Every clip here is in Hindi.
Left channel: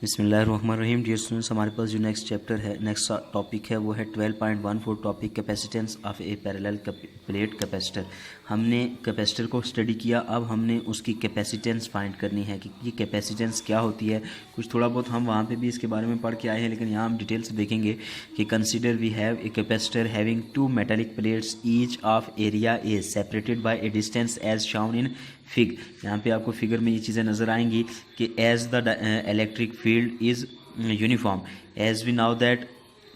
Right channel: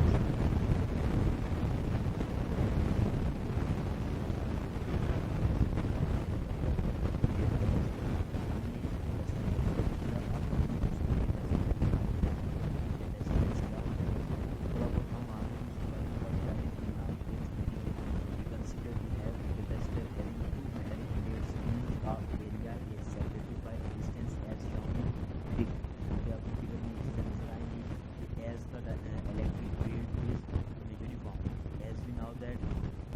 बिस्मिल्लाहिर्रहमानिर्रहीम। डियर स्टूडेंट्स, हमारे पास जो नेक्स्ट चैप्टर है, नेक्स्ट टॉपिक है, वो है 12.14 topic capacitance of A parallel plate capacitor. हमने कैपेसिटर को स्टडी किया, अब हमने उसकी कैपेसिटेंस फाइंड करनी है कि ये कैपेसिटेंस क्या होती है। कुछ थोड़ा बहुत हम वहाँ पे भी इसके बारे में पढ़ के आए हैं, लेकिन यहाँ हम डिटेल से देखेंगे कि consider we have a capacitor having two metallic plates each of area is separated by a distance as shown in fig. यहाँ पे आपको फिगर में ये चीज़ें नज़र आएंगी कि as the electric field is uniform, as we now that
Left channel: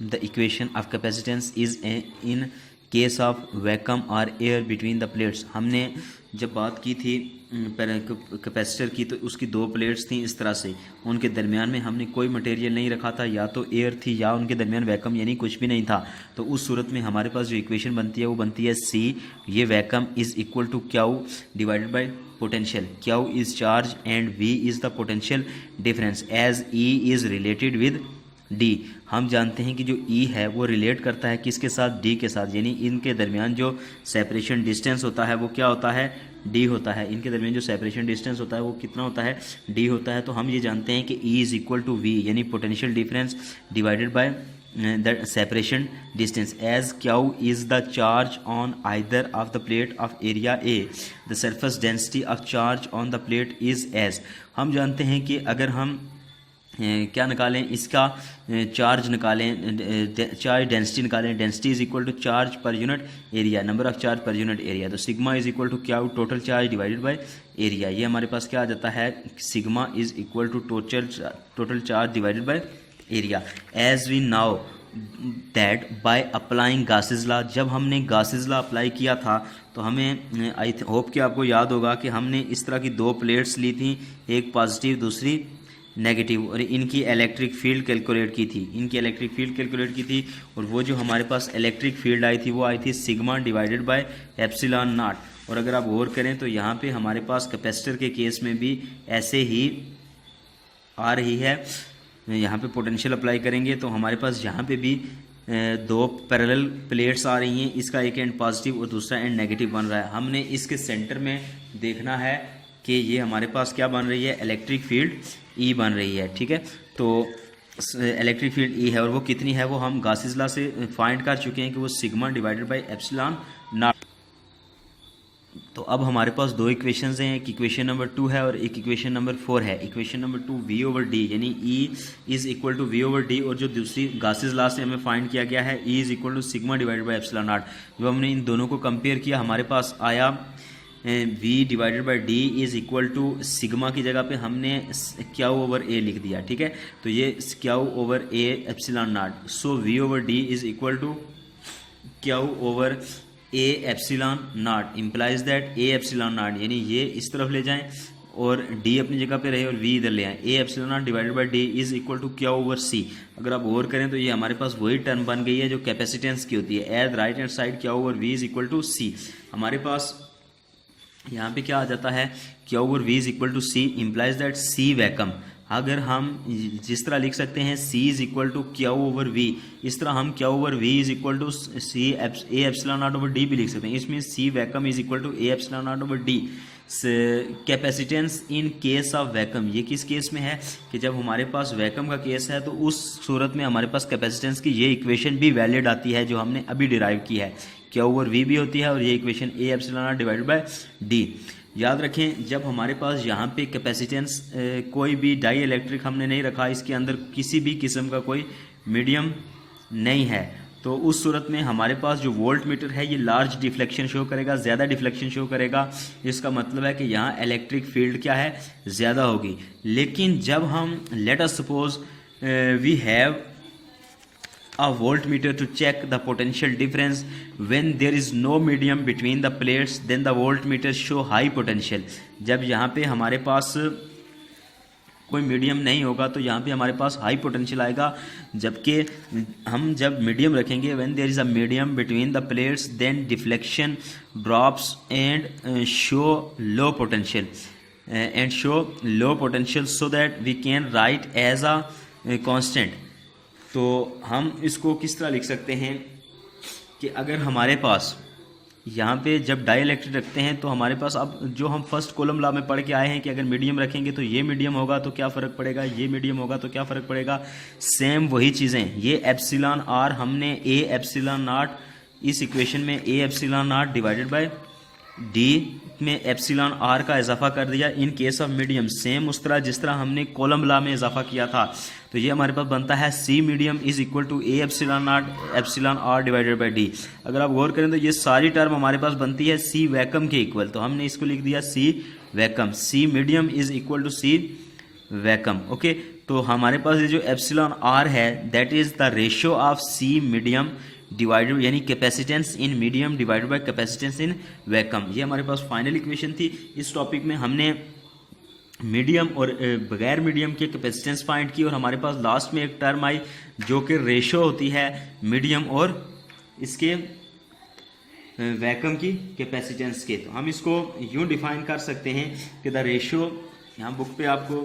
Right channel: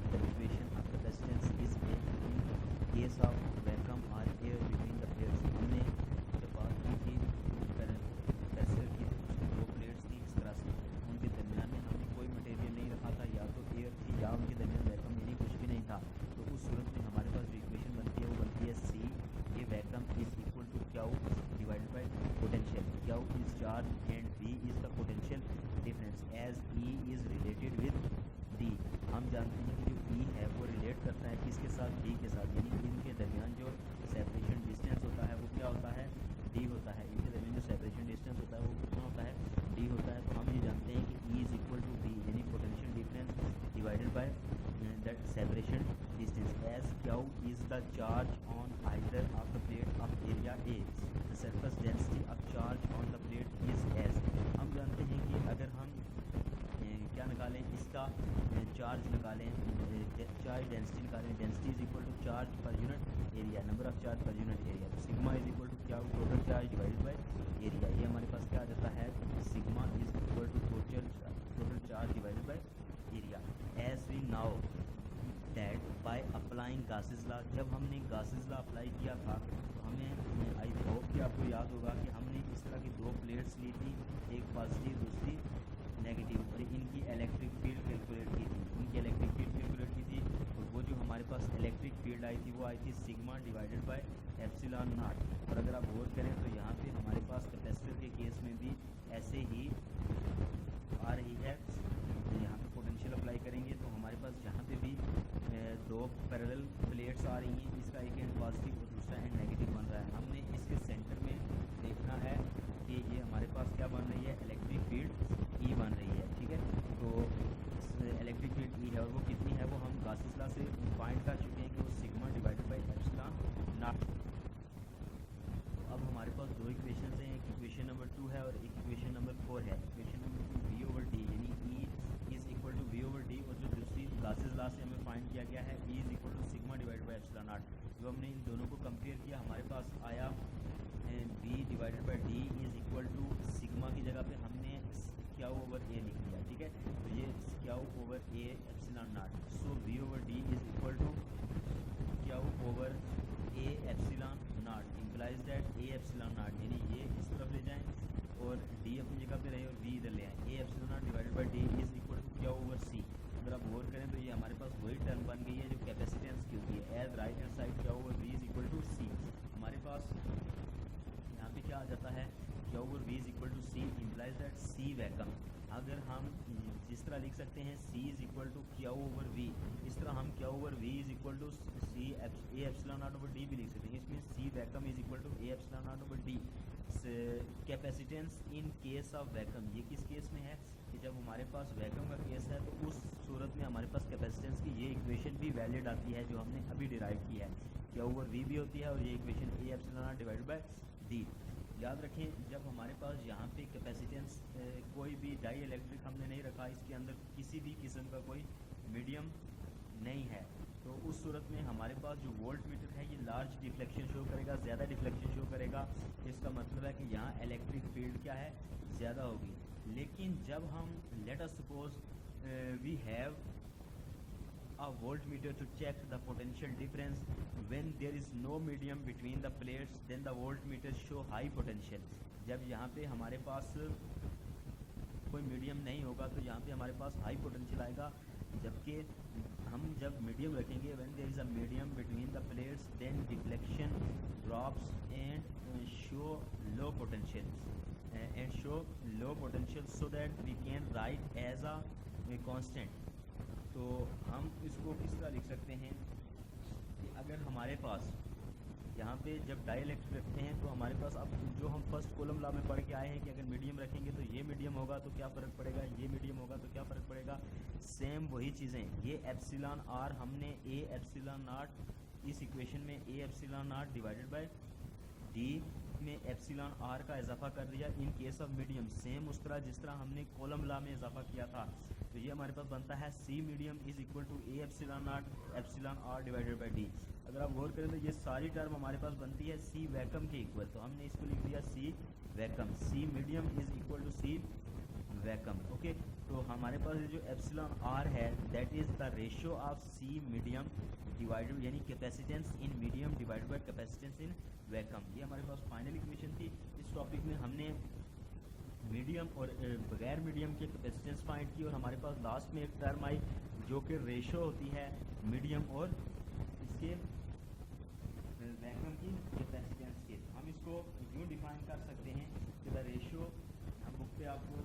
the equation of capacitance is in case of vacuum और एयर बिटवीन द प्लेट्स। हमने जब बात की थी कैपेसिटर की, तो उसकी दो प्लेट्स थी इस तरह से, उनके दरमियान में हमने कोई मटेरियल नहीं रखा था, या तो एयर थी या उनके दरमियान वैक्यूम यानी कुछ भी नहीं था। तो उस सूरत में हमारे पास जो इक्वेशन बनती है वो बनती है सी, ये vacuum is equal to Q divided by potential. Q is charge and V is the potential difference as E is related with D. हम जानते हैं कि जो ई है वो रिलेट करता है किसके साथ, डी के साथ, यानी इनके दरमियान जो सेपरेशन डिस्टेंस होता है वो क्या होता है, डी होता है। इनके दरमियान जो सेपरेशन डिस्टेंस होता है वो कितना होता है, डी होता है। तो हम ये जानते हैं कि E is equal to V, यानी potential difference divided by the separation distance, as Q is the charge on either of the plate of area A, the surface density of charge on the plate is as. हम जानते हैं कि अगर हम क्या निकालें, इसका चार्ज निकालें, चार्ज डेंसिटी निकालें, density is equal to charge per unit area, number of charge per unit area. तो सिग्मा इज इक्वल टू क्या, total charge divided by area. ये हमारे पास क्या आ जाता है, sigma is equal to total charge divided by area. As we now that by applying Gauss's law, जब हमने गासेस लॉ अप्लाई किया था तो हमें आई होप कि आपको याद होगा कि हमने इस तरह की दो प्लेट्स ली थी, एक पॉजिटिव दूसरी नेगेटिव, और इनकी इलेक्ट्रिक फील्ड कैलकुलेट की थी, इनकी इलेक्ट्रिक फील्ड कैलकुलेट की थी। और वो जो हमारे पास इलेक्ट्रिक फील्ड आई थी वो आई थी sigma divided by epsilon not. और अगर आप गौर करें तो यहाँ पे हमारे पास कैपेसिटर के केस में भी ऐसे ही आ रही है। यहाँ पे पोटेंशियल अप्लाई करेंगे तो हमारे पास यहाँ पे भी दो पैरेलल प्लेट्स आ रही हैं, इसका एक एंड पॉजिटिव और दूसरा एंड नेगेटिव बन रहा है। हमने इसके सेंटर में देखना है कि ये हमारे पास क्या बन रही है, इलेक्ट्रिक फील्ड ई बन रही है। ठीक है, तो इलेक्ट्रिक फील्ड ई है और वो कितनी है वो हम गासेस लॉ से फाइंड कर चुके हैं कि वो sigma divided by epsilon not. तो अब हमारे पास दो इक्वेशंस हैं, एक इक्वेशन नंबर 2 है और एक इक्वेशन नंबर 4 है। Equation number 2 V over D, यानी E is equal to V over D, और जो दूसरी गासेस लॉ से हमें फाइंड किया गया है E is equal to sigma divided by epsilon naught. जब हमने इन दोनों को कंपेयर किया हमारे पास आया v divided by D is equal to sigma की जगह पे हमने क्यू ओवर ए लिख दिया। ठीक है, तो ये Q over A epsilon naught, so v over D is equal to Q over A epsilon naught, implies that A epsilon naught, यानी ये इस तरफ ले जाएं और d अपनी जगह पे रहे और v इधर ले आए। A epsilon naught divided by D is equal to Q over C. अगर आप गौर करें तो ये हमारे पास वही टर्म बन गई है जो कैपेसिटेंस की होती है, as right hand side Q over v is equal to C. हमारे पास यहाँ पे क्या आ जाता है, Q over V is equal to C, implies that C vacuum. अगर हम जिस तरह लिख सकते हैं C is equal to Q over V, इस तरह हम Q over V is equal to C A epsilon naught over D भी लिख सकते हैं। इसमें C vacuum is equal to A epsilon naught over D. Capacitance in case of vacuum, ये किस केस में है कि जब हमारे पास वैक्यूम का केस है तो उस सूरत में हमारे पास कैपेसिटेंस की ये इक्वेशन भी वैलिड आती है जो हमने अभी डिराइव की है, क्यू ओवर वी भी होती है और ये equation A epsilon naught divided by D. याद रखें जब हमारे पास यहाँ पे कैपेसिटेंस कोई भी डाई इलेक्ट्रिक हमने नहीं रखा, इसके अंदर किसी भी किस्म का कोई मीडियम नहीं है, तो उस सूरत में हमारे पास जो वोल्ट मीटर है ये लार्ज डिफ्लेक्शन शो करेगा, ज़्यादा डिफ्लेक्शन शो करेगा। इसका मतलब है कि यहाँ इलेक्ट्रिक फील्ड क्या है, ज़्यादा होगी। लेकिन जब हम let us suppose we have a voltmeter to check the potential difference when there is no medium between the plates, then the voltmeter show high potential। जब यहाँ पे हमारे पास कोई मीडियम नहीं होगा तो यहाँ पे हमारे पास हाई पोटेंशियल आएगा, जबकि हम जब मीडियम रखेंगे when there is a medium between the plates then deflection drops and show low potential so that we can write as a constant. तो हम इसको किस तरह लिख सकते हैं कि अगर हमारे पास यहाँ पे जब डाई इलेक्ट्रिक रखते हैं तो हमारे पास अब जो हम फर्स्ट कॉलम लॉ में पढ़ के आए हैं कि अगर मीडियम रखेंगे तो ये मीडियम होगा तो क्या फ़र्क पड़ेगा, ये मीडियम होगा तो क्या फ़र्क पड़ेगा, सेम वही चीज़ें। ये एप्सिलॉन आर हमने ए एप्सिलॉन नॉट, इस इक्वेशन में ए epsilon naught divided by D में एप्सिलॉन आर का इजाफा कर दिया इन केस ऑफ मीडियम, सेम उस तरह जिस तरह हमने कॉलम लॉ में इजाफा किया था। तो ये हमारे पास बनता है C medium is equal to A epsilon naught epsilon R divided by D. अगर आप गौर करें तो ये सारी टर्म हमारे पास बनती है सी वैकम के इक्वल, तो हमने इसको लिख दिया C vacuum, C medium is equal to C vacuum. Okay, तो हमारे पास ये जो एप्सिलॉन आर है that is the ratio of C medium divided, यानी capacitance in medium divided by capacitance in vacuum. ये हमारे पास फाइनल इक्वेशन थी। इस टॉपिक में हमने मीडियम और बगैर मीडियम के कैपेसिटेंस फाइंड की, और हमारे पास लास्ट में एक टर्म आई जो कि रेशो होती है मीडियम और इसके वैकम की कैपेसिटेंस के। तो हम इसको यूँ डिफाइन कर सकते हैं कि द रेशो, यहाँ बुक पे आपको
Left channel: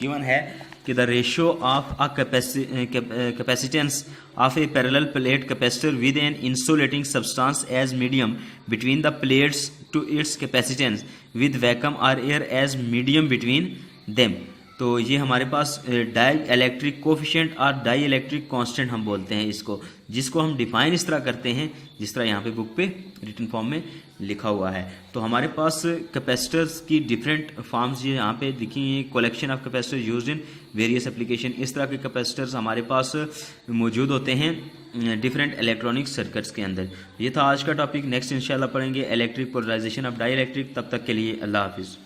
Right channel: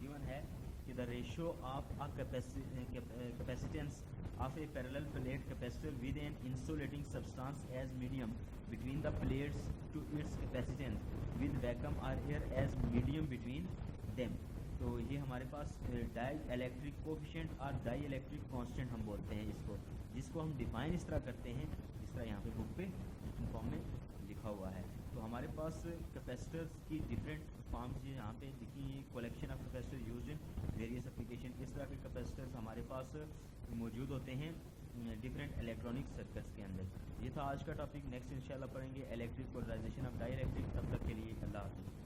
गिवन है कि the ratio of a capacitance of a parallel plate capacitor with an insulating substance as medium between the plates to its capacitance with vacuum or air as medium between them। तो ये हमारे पास डाई इलेक्ट्रिक कोफिशिएंट और डाई इलेक्ट्रिक कांस्टेंट हम बोलते हैं इसको, जिसको हम डिफाइन इस तरह करते हैं जिस तरह यहाँ पे बुक पे रिटन फॉर्म में लिखा हुआ है। तो हमारे पास कैपेसिटर्स की डिफरेंट फॉर्म्स ये यहाँ पे दिखी हैं, collection of capacitor used in various application. इस तरह के कैपेसिटर्स हमारे पास मौजूद होते हैं डिफरेंट इलेक्ट्रॉनिक सर्किट्स के अंदर। ये था आज का टॉपिक। नेक्स्ट इंशाल्लाह पढ़ेंगे electric polarization of dielectric. तब तक के लिए अल्लाह हाफिज़।